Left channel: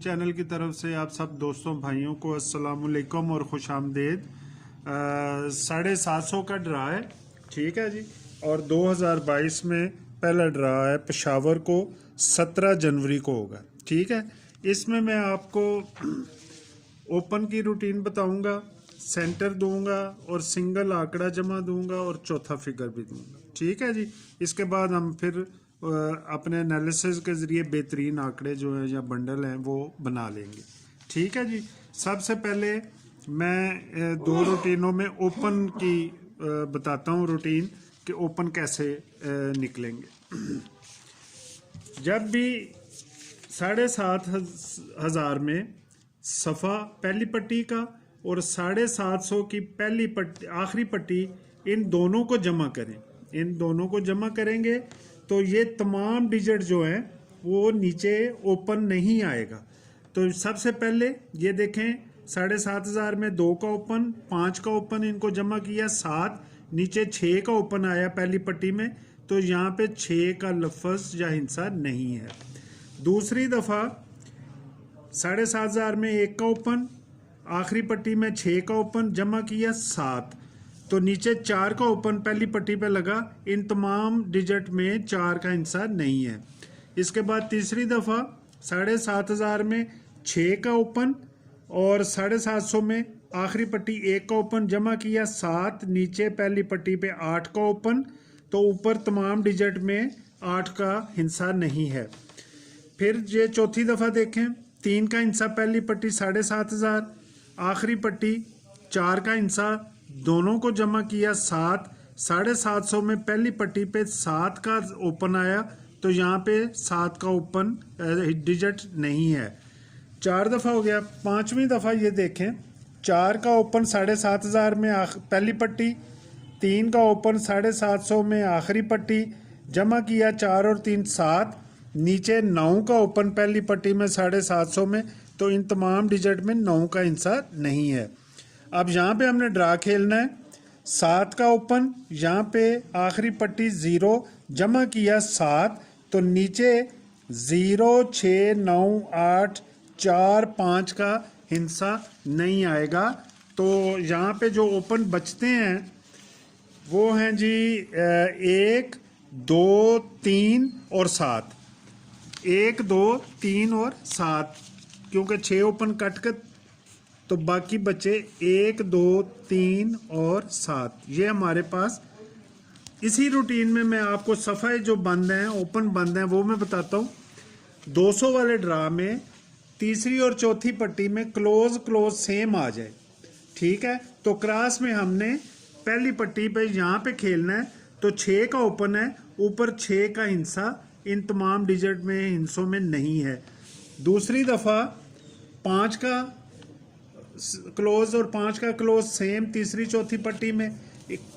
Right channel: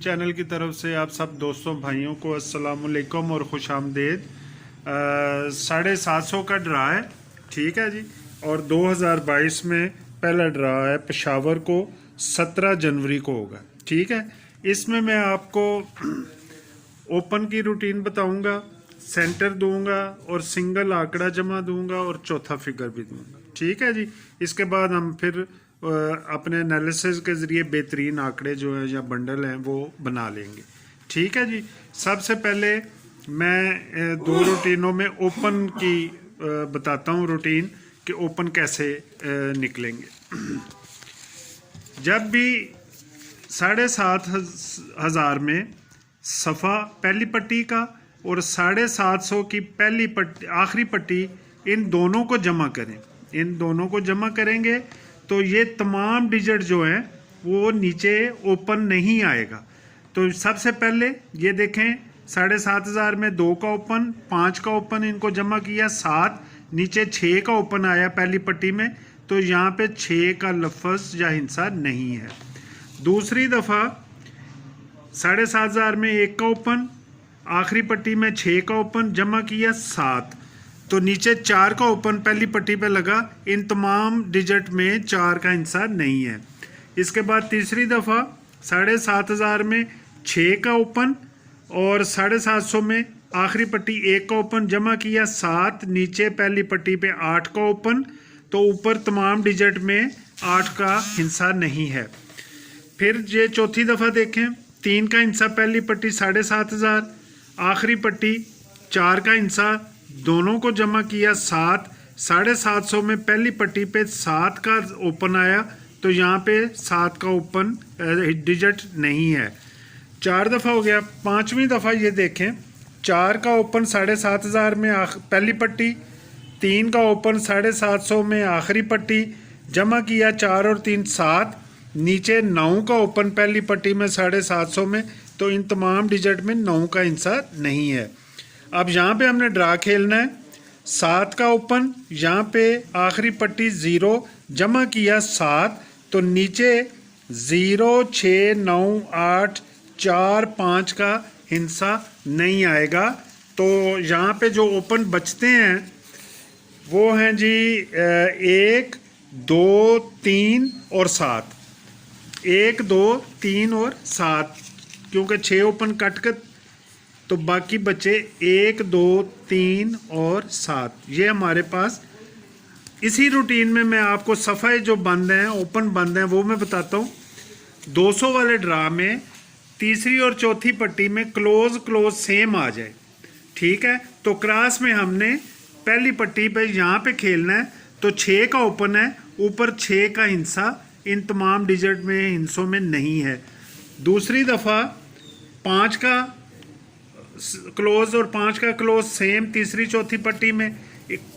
Channel की तरफ से आप सब दोस्तों भाइयों को अस्सलाम वालेकुम और खुश आमदेद। 750 का ड्रा है, ठीक है जी। और 2022 में पहला ड्रा है, पेशावर को 17 जनवरी को होगा, ठीक है। इसमें मैं आपको ओपन की रूटीन बताऊंगा, सेंटर दूंगा और सिंगल आंकड़ा जमा दूंगा और चौथा फिगर भी दूंगा, ठीक है जी। इसके बाद हम फिर अपने एनालिसिस के ज़रिए बेहतरीन आंकड़े जो है या बंडल हैं वो बना लेंगे, ठीक है जी। सबसे पहले मैं दो रूटीनों में ओपन की बताता हूँ रूटीन कि ओपन कैसे निकलेंगे। जब भी 7,500 में सफ़ा पहली पट्टी का और 750 की पहली पट्टी आखिरी पट्टी, इन दोनों को जमा करें। इन दोनों को जमा करेंगे तो ये तमाम डिजिट जो हैं वो नीचे ओपन नहीं आएगा। तो सबसे पहले ये देखें, 7,500 में 2 का ओपन, 5 का ओपन, इनको जमा किया 7, नीचे 6 का ओपन आया पहली पट्टी में, तो यहाँ पे 6 का लफ्ज़ या हिंसा नहीं है। दूसरी दफ़ा 7,500 में 1 का ओपन, आखिरी पट्टी में 6 का ओपन, जमा किया 7, तो नीचे 4 का ओपन पहली पट्टी पे लगा, इन तमाम डिजिट में 4 का हिस्सा नहीं है। इसके बाद तीसरी दफ़ा 7,500 में 6 का ओपन और 750 में आखिरी पट्टी 1 का ओपन, जमा किया 7, नीचे पहली पट्टी पे 8 का ओपन, तो ऊपर तमाम डिजिट में 8 का हिस्सा नहीं है। फिर ये चौथी दफ़ा देखें, 3 का हिस्सा पहली पट्टी 7,500, आखिरी पट्टी 4 का हिस्सा, दोनों को जमा किया 7, 750 में पहली पट्टी पे 7 का ओपन आया, तो यहाँ पे 7 का ओपन डिजिट नहीं है। 4 दफ़ा हो गया। पांचवी दफ़ा ये देखें, 4 का ओपन 7,500 में पहली पट्टी, 3 का ओपन 750 में आखिरी पट्टी, जमा किया 4 और 3 7, नीचे 9 का ओपन पहली पट्टी में 750 में, तो इन तमाम डिजिट में 9 का हिस्सा नहीं है। अब यहाँ पे हमने ड्रा खेलना है, 7 का ओपन, यहाँ पे आखिरी पट्टी 0, जमा किया 7, तो नीचे 0 6 9 8 4 5 का हिस्सा नहीं आएगा। तो यहाँ पे जो ओपन बचते हैं वो हैं जी 1 2 3 और 7, 1 2 3 और 7, क्योंकि 6 ओपन कट कर तो बाकी बचे 1 2 3 और 7। ये हमारे पास इसी रूटीन में मैं आपको सफ़ाए जो बंद हैं, ओपन बंद हैं, वो मैं बताता हूँ। 200 वाले ड्रा में तीसरी और चौथी पट्टी में क्लोज सेम आ जाए, ठीक है। तो क्रॉस में हमने पहली पट्टी पे यहाँ पे खेलना है, तो 6 का ओपन है, ऊपर 6 का हिस्सा इन तमाम डिजिट में हिस्सों में नहीं है। दूसरी दफ़ा 5 का क्लोज और 5 का क्लोज सेम तीसरी चौथी पट्टी में,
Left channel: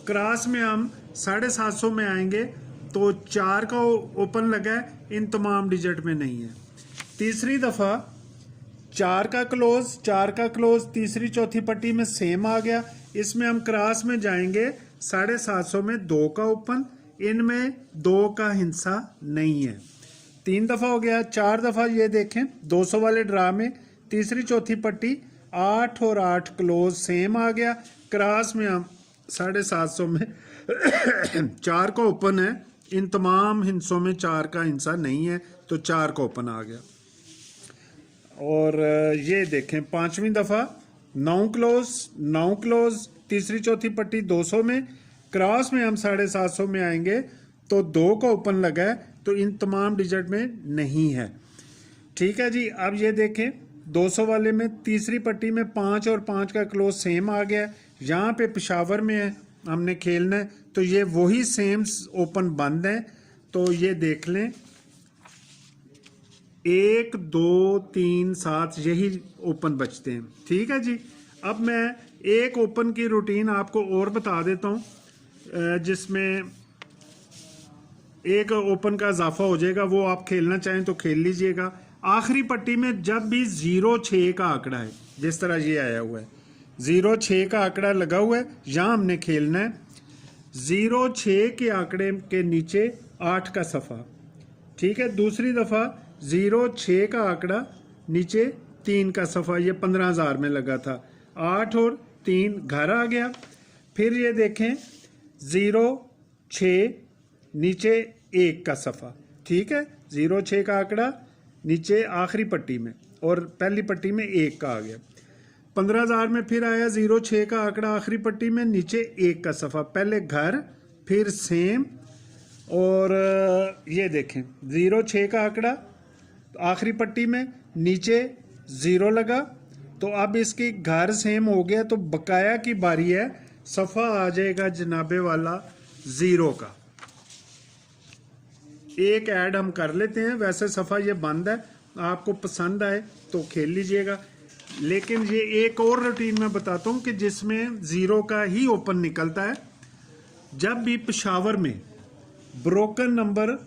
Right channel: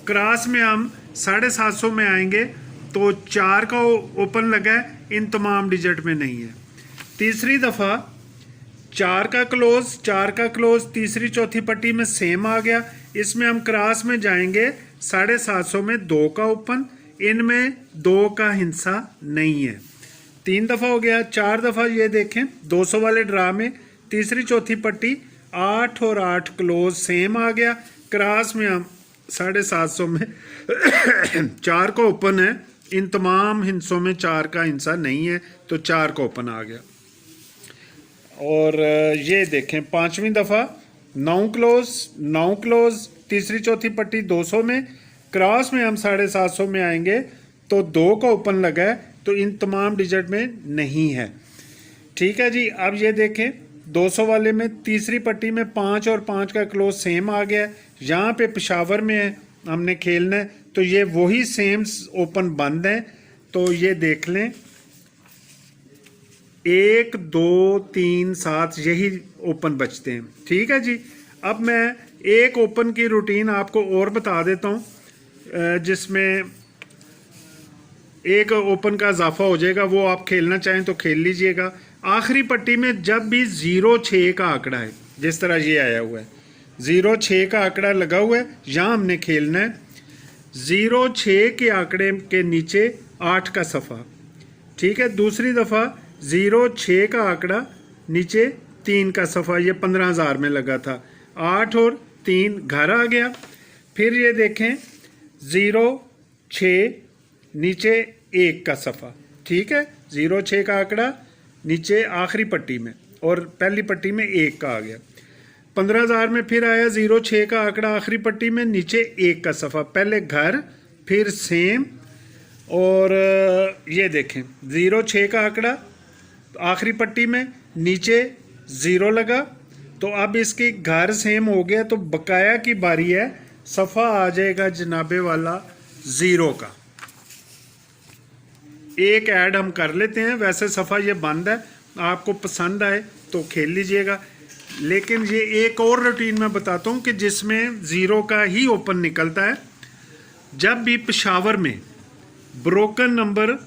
क्रॉस में हम 750 में आएंगे, तो 4 का ओपन लगा है, इन तमाम डिजिट में नहीं है। तीसरी दफ़ा 4 का क्लोज तीसरी चौथी पट्टी में सेम आ गया, इसमें हम क्रॉस में जाएंगे, 750 में 2 का ओपन, इनमें 2 का हिस्सा नहीं है। 3 दफ़ा हो गया। 4 दफ़ा ये देखें, 200 वाले ड्रा में तीसरी चौथी पट्टी 8 और 8 क्लोज सेम आ गया, क्रॉस में हम 750 में 4 का ओपन है, इन तमाम हिस्सों में 4 का हिस्सा नहीं है, तो 4 का ओपन आ गया। और ये देखें, पांचवी दफ़ा 9 क्लोज तीसरी चौथी पट्टी 200 में, क्रॉस में हम 750 में आएंगे, तो 2 का ओपन लगा है, तो इन तमाम डिजिट में नहीं है, ठीक है जी। अब ये देखें, 200 वाले में तीसरी पट्टी में 5 और 5 का क्लोज सेम आ गया, यहाँ पे पेशावर में है, हमने खेलना है, तो ये वही सेम ओपन बंद है, तो ये देख लें 1 2 3 7 यही ओपन बचते हैं, ठीक है जी। अब मैं एक ओपन की रूटीन आपको और बता देता हूँ, जिसमें एक ओपन का इजाफा हो जाएगा, वो आप खेलना चाहें तो खेल लीजिएगा। आखिरी पट्टी में जब भी 0 6 का आंकड़ा है, जिस तरह ये आया हुआ है 0 6 का आंकड़ा लगा हुआ है, यहाँ हमने खेलना है 0 6 के आंकड़े के नीचे 8 का सफ़ा, ठीक है। दूसरी दफ़ा 0 6 का आंकड़ा नीचे 3 का सफ़ा, ये 15,000 में लगा था। 8 और 3 घर आ गया। फिर ये देखें 0 6 नीचे 1 का सफ़ा, ठीक है। 0 6 का आंकड़ा नीचे आखिरी पट्टी में और पहली पट्टी में 1 का आ गया। 15,000 में फिर आया 0 6 का आंकड़ा आखिरी पट्टी में, नीचे 1 का सफ़ा, पहले घर फिर सेम। और ये देखें 0 6 का आंकड़ा आखिरी पट्टी में, नीचे 0 लगा। तो अब इसकी घर सेम हो गया, तो बकाया की बारी है, सफ़ा आ जाएगा जनाबे वाला 0 का। एक ऐड हम कर लेते हैं, वैसे सफ़ा ये बंद है, आपको पसंद आए तो खेल लीजिएगा। लेकिन ये एक और रूटीन मैं बताता हूँ कि जिसमें 0 का ही ओपन निकलता है। जब भी पेशावर में ब्रोकन नंबर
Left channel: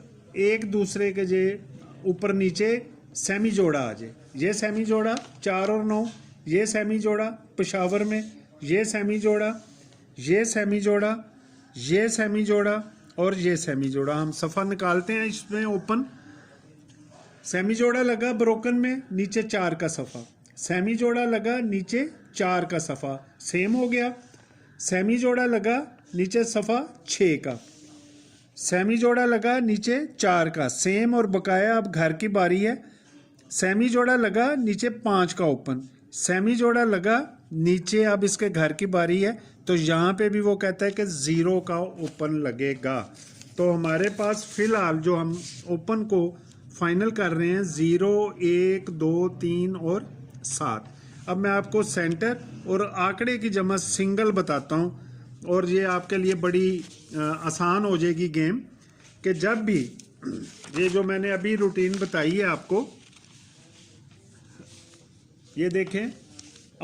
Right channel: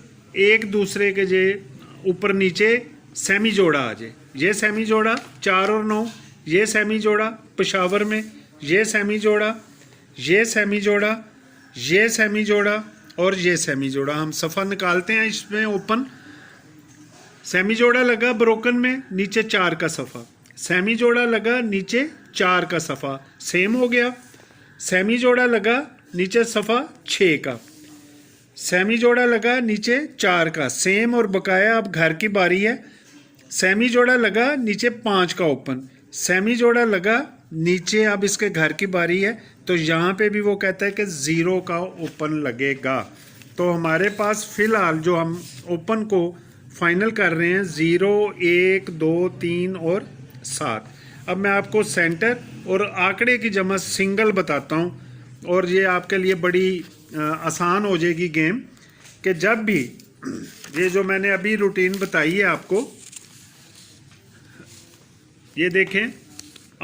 एक दूसरे के जे ऊपर नीचे सेमी जोड़ा आ जाए, ये सेमी जोड़ा 4 और 9, ये सेमी जोड़ा पेशावर में, ये सेमी जोड़ा, ये सेमी जोड़ा, ये सेमी जोड़ा और ये सेमी जोड़ा, हम सफ़ा निकालते हैं इसमें ओपन। सेमी जोड़ा लगा ब्रोकन में, नीचे 4 का सफ़ा, सेमी जोड़ा लगा नीचे 4 का सफ़ा, सेम हो गया। सेमी जोड़ा लगा नीचे सफ़ा 6 का, सेमी जोड़ा लगा नीचे 4 का, सेम और बकाया। अब घर की बारी है। सेमी जोड़ा लगा नीचे 5 का ओपन, सेमी जोड़ा लगा नीचे, अब इसके घर की बारी है। तो यहाँ पे भी वो कहता है कि 0 का ओपन लगेगा। तो हमारे पास फ़िलहाल जो हम ओपन को फाइनल कर रहे हैं 0 1 2 3 और 7। अब मैं आपको सेंटर और आंकड़े की जमा सिंगल बताता हूँ, और ये आपके लिए बड़ी आसान हो जाएगी गेम। कि जब भी ये जो मैंने अभी रूटीन बताई है आपको, ये देखें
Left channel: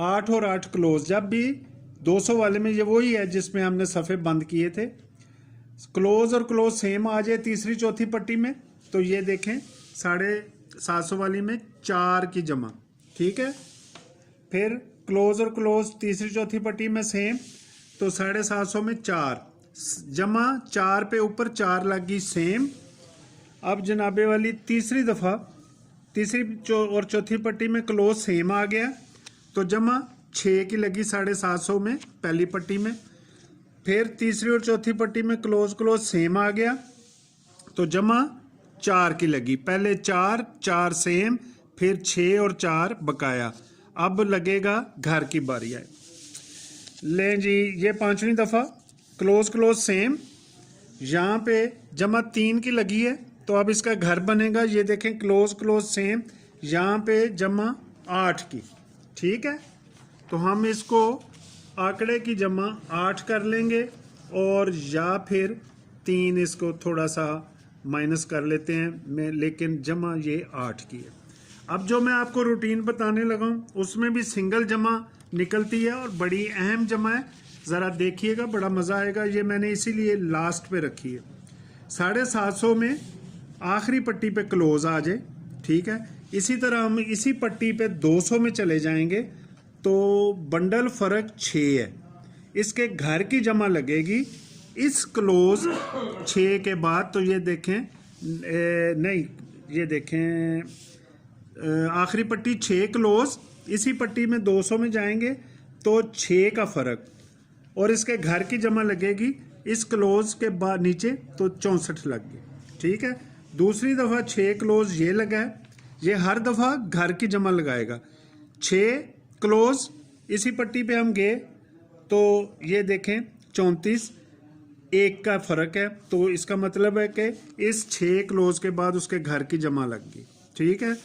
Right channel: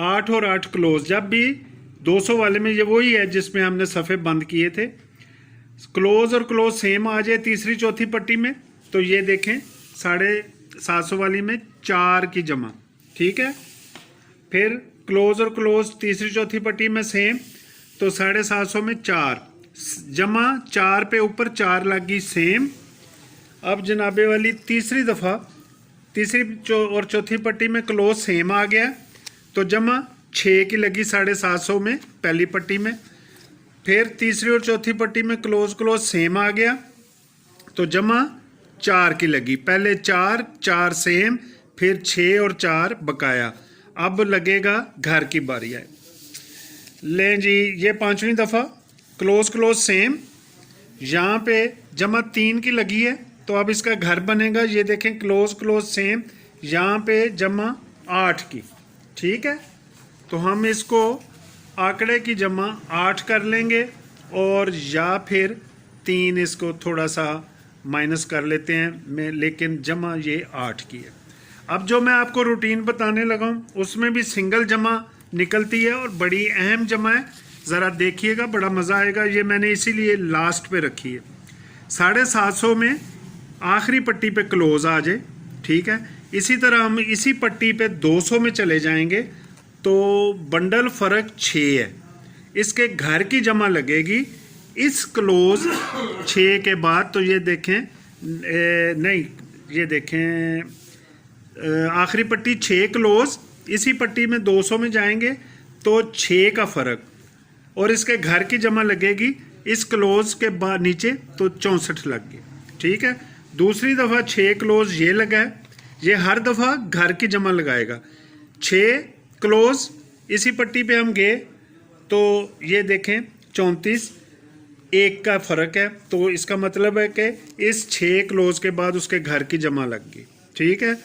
8 और 8 क्लोज, जब भी 200 वाले में ये वही है जिसमें हमने सफ़े बंद किए थे। क्लोज और क्लोज सेम आ जाए तीसरी चौथी पट्टी में, तो ये देखें 750 वाली में 4 की जमा, ठीक है। फिर क्लोज और क्लोज तीसरी चौथी पट्टी में सेम, तो 750 में 4 जमा, 4 पे ऊपर 4 लग गई, सेम। अब जनाबे वाली तीसरी दफ़ा तीसरी और चौथी पट्टी में क्लोज सेम आ गया, तो जमा 6 की लगी 750 में पहली पट्टी में। फिर तीसरी और चौथी पट्टी में क्लोज क्लोज सेम आ गया, तो जमा 4 की लगी, पहले 4 4 सेम, फिर 6 और 4 बकाया। अब लगेगा घर की बारी है। लें जी, ये 5वीं दफ़ा क्लोज क्लोज सेम, यहाँ पे जमा 3 की लगी है, तो अब इसका घर बनेगा। ये देखें क्लोज क्लोज सेम, यहाँ पे जमा 8 की, ठीक है। तो हम इसको आंकड़े की जमा 8 कर लेंगे, और या फिर 3 इसको थोड़ा सा माइनस कर लेते हैं मैं, लेकिन जमा ये 8 की है। अब जो मैं आपको रूटीन बताने लगा हूँ उसमें भी सिंगल जमा निकलती है और बड़ी अहम जमा है, ज़रा देखिएगा, बड़ा मज़ा आएगा। ये मैंने इसीलिए लास्ट पे रखी है। 750 में आखिरी पट्टी पे क्लोज आ जाए, ठीक है। इसी तरह हम इसी पट्टी पे 200 में चले जाएंगे, तो बंडल फ़र्क 6 है, इसके घर की जमा लगेगी इस क्लोज 6 के बाद। तो ये देखें नहीं, ये देखें आखिरी पट्टी 6 क्लोज, इसी पट्टी में 200 में जाएंगे तो 6 का फ़र्क, और इसके घर की जमा लगेगी इस क्लोज के बाद नीचे, तो 64 लग गई, ठीक है। दूसरी दफ़ा 6 क्लोज ये लगा है, ये हर दफ़ा घर की जमा लगाएगा। 6 क्लोज इसी पट्टी पे हम गए, तो ये देखें 34, 1 का फ़र्क है, तो इसका मतलब है कि इस 6 क्लोज के बाद उसके घर की जमा लग गई, ठीक है।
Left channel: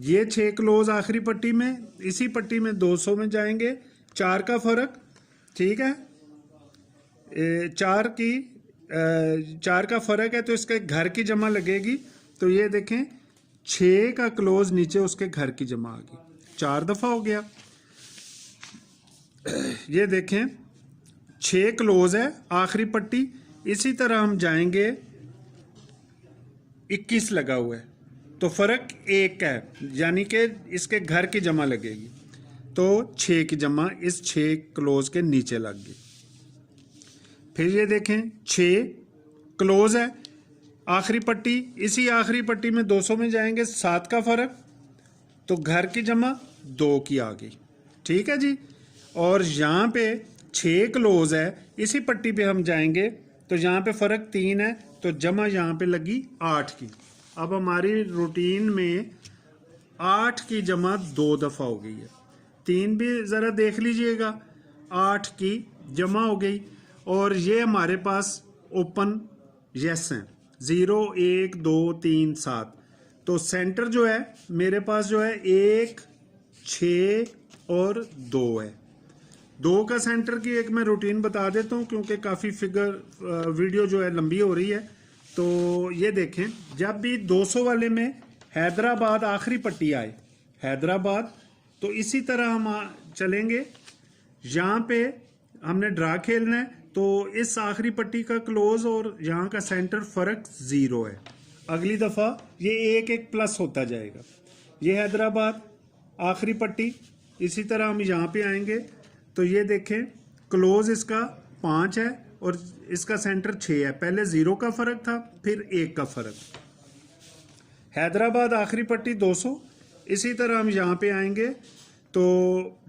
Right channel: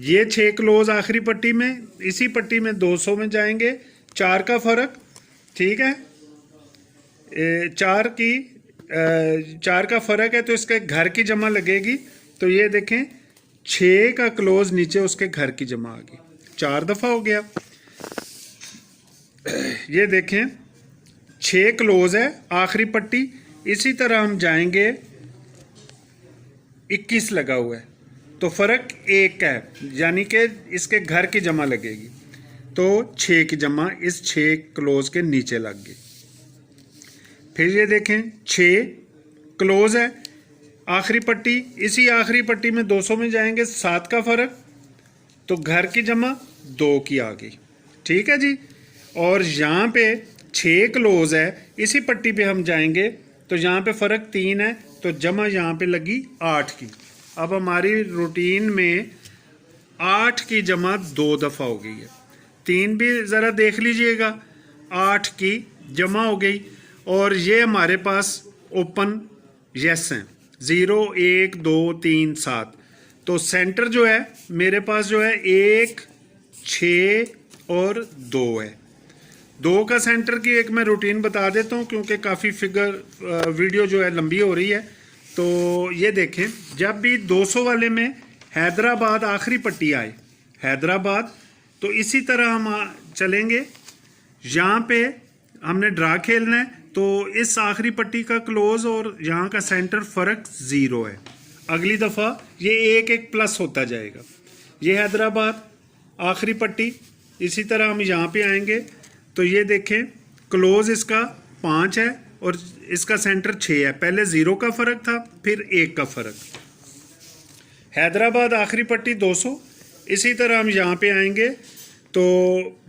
ये 6 क्लोज आखिरी पट्टी में, इसी पट्टी में 200 में जाएंगे, 4 का फ़र्क, ठीक है। 4 का फ़र्क है, तो इसके घर की जमा लगेगी। तो ये देखें 6 का क्लोज नीचे उसके घर की जमा आ गई, 4 दफ़ा हो गया। ये देखें 6 क्लोज है आखिरी पट्टी, इसी तरह हम जाएंगे 21 लगा हुआ है, तो फ़र्क 1 का है, यानी कि इसके घर की जमा लगेगी, तो 6 की जमा इस 6 क्लोज के नीचे लग गई। फिर ये देखें 6 क्लोज है आखिरी पट्टी, इसी आखिरी पट्टी में 200 में जाएंगे, 7 का फ़र्क, तो घर की जमा 2 की आ गई, ठीक है जी। और यहाँ पे 6 क्लोज है, इसी पट्टी पे हम जाएंगे तो यहाँ पे फ़र्क 3 है, तो जमा यहाँ पे लगी 8 की। अब हमारी रूटीन में 8 की जमा 2 दफ़ा हो गई है। 3 भी ज़रा देख लीजिएगा, 8 की जमा हो गई। और ये हमारे पास ओपन यस हैं, 0 1 2 3 7। तो सेंटर जो है मेरे पास जो है 1 6 और 2 है। 2 का सेंटर की एक मैं रूटीन बता देता हूँ, क्योंकि काफ़ी फिगर वीडियो जो है लंबी हो रही है। तो ये देखें, जब भी 200 वाले में हैदराबाद आखिरी पट्टी आए, हैदराबाद, तो इसी तरह हम चलेंगे। यहाँ पे हमने ड्रा खेलना है, तो इस आखिरी पट्टी का क्लोज और यहाँ का सेंटर फ़र्क 0 है। अगली दफ़ा ये 1 1 प्लस होता जाएगा। ये हैदराबाद आखिरी पट्टी, इसी तरह हम यहाँ पे आएंगे तो ये देखें क्लोज इसका 5 है और इसका सेंटर 6 है। पहले 0 का फ़र्क था, फिर 1 का फ़र्क। हैदराबाद आखिरी पट्टी 200, इसी तरह हम यहाँ पे आएंगे तो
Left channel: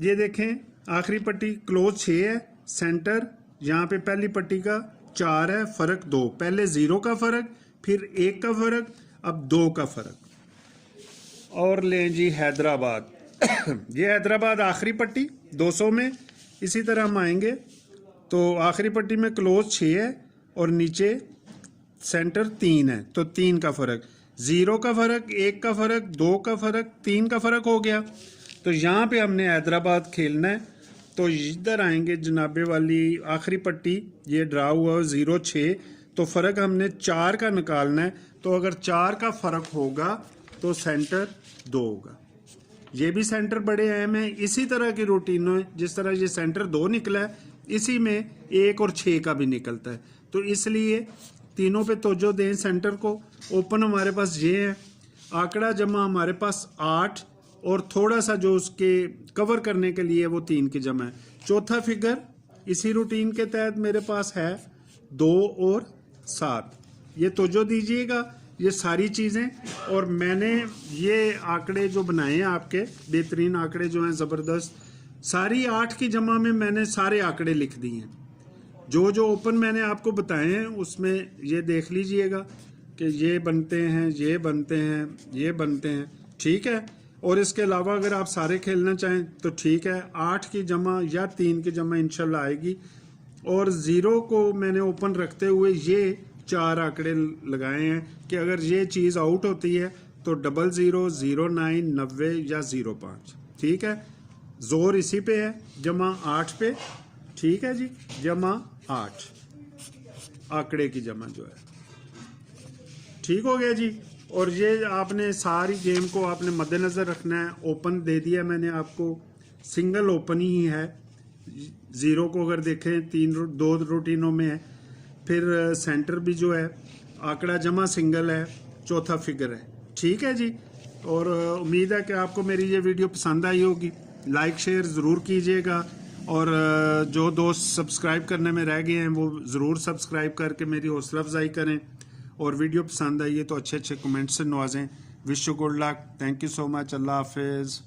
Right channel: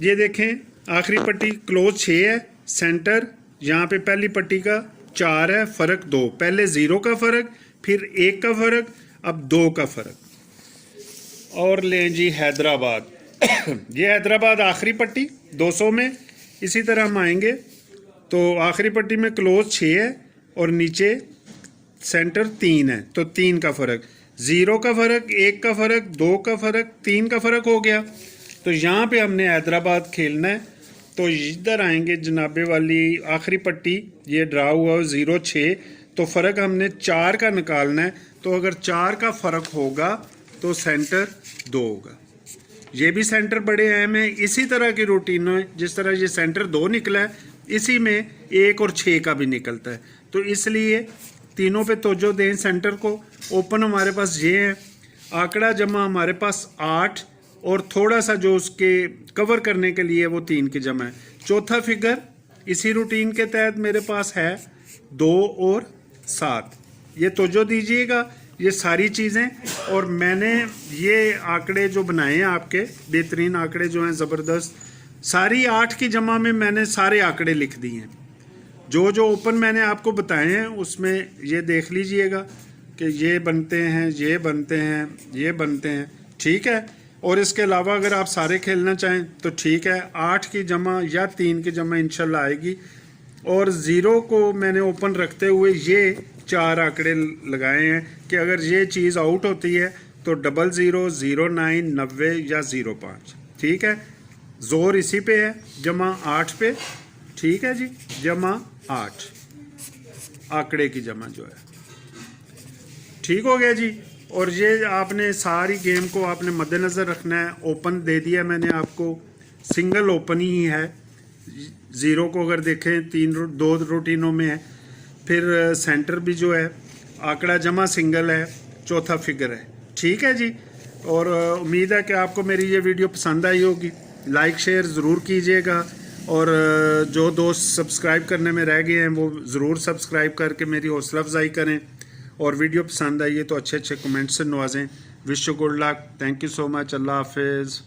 ये देखें आखिरी पट्टी क्लोज 6 है, सेंटर यहाँ पे पहली पट्टी का 4 है, फ़र्क 2। पहले 0 का फ़र्क, फिर 1 का फ़र्क, अब 2 का फ़र्क। और लें जी हैदराबाद ये हैदराबाद आखिरी पट्टी 200 में, इसी तरह हम आएंगे तो आखिरी पट्टी में क्लोज 6 है और नीचे सेंटर 3 है, तो 3 का फ़र्क, 0 का फ़र्क, 1 का फ़र्क, 2 का फ़र्क, 3 का फ़र्क हो गया। तो यहाँ पे हमने हैदराबाद खेलना है। तो इधर आएंगे जनाबे वाली आखिरी पट्टी, ये ड्रा हुआ 0 6, तो फ़र्क हमने 4 का निकालना है। तो अगर 4 का फ़र्क होगा तो सेंटर 2 होगा। ये भी सेंटर बड़े अहम है। इसी तरह की रूटीन है, जिस तरह ये सेंटर 2 निकला है, इसी में 1 और 6 का भी निकलता है। तो इसलिए तीनों पे तवज्जो दें सेंटर को। ओपन हमारे पास ये है, आंकड़ा जमा हमारे पास 8 और थोड़ा सा जो उसके कवर करने के लिए वो 3 की जमा है। चौथा फिगर इसी रूटीन के तहत मेरे पास है 2 और 7। ये तवज्जो दीजिएगा, ये सारी चीज़ें। और मैंने ये आंकड़े जो बनाए हैं आपके, बेहतरीन आंकड़े जो हैं ज़बरदस्त, सारी 8 की जमा में मैंने सारे आंकड़े लिख दिए हैं। जो जो ओपन मैंने आपको बताए हैं उसमें ये देख लीजिएगा कि ये बनते हैं, ये बनते हैं, ये बनते हैं, ठीक है। और इसके अलावा अगर आप सारे खेलना चाहें तो ठीक है, 8 की जमा या 3 की जमा इंशाल्लाह आएगी। और 0 को मैंने ओपन रखते हुए ये 4 आंकड़े लगाए हैं कि अगर ये चीज़ आउट होती है तो 00 09 90 या 05, ठीक है। जोर इसी पे है, जमा 8 पे, ठीक है जी, जमा 8 आंकड़े की जमा जो है, ठीक हो गया जी। और ये आपने सारी गेम को आपने मद्देनज़र रखना है। ओपन दे दिया मैंने आपको, सिंगल ओपन ही है। 0 को अगर देखें 2 रूटीनों में है, फिर सेंटर भी जो है आंकड़ा जमा सिंगल है, चौथा फिगर है, ठीक है जी। और उम्मीद है कि आपको मेरी ये वीडियो पसंद आई होगी। लाइक शेयर ज़रूर कीजिएगा, और जो दोस्त सब्सक्राइब करने में रह गए हैं वो ज़रूर सब्सक्राइब करके मेरी हौसला अफजाई करें। और वीडियो पसंद आई है तो अच्छे अच्छे कमेंट से नवाजें। Wish you good luck, thank you so much, अल्लाह हाफिज़।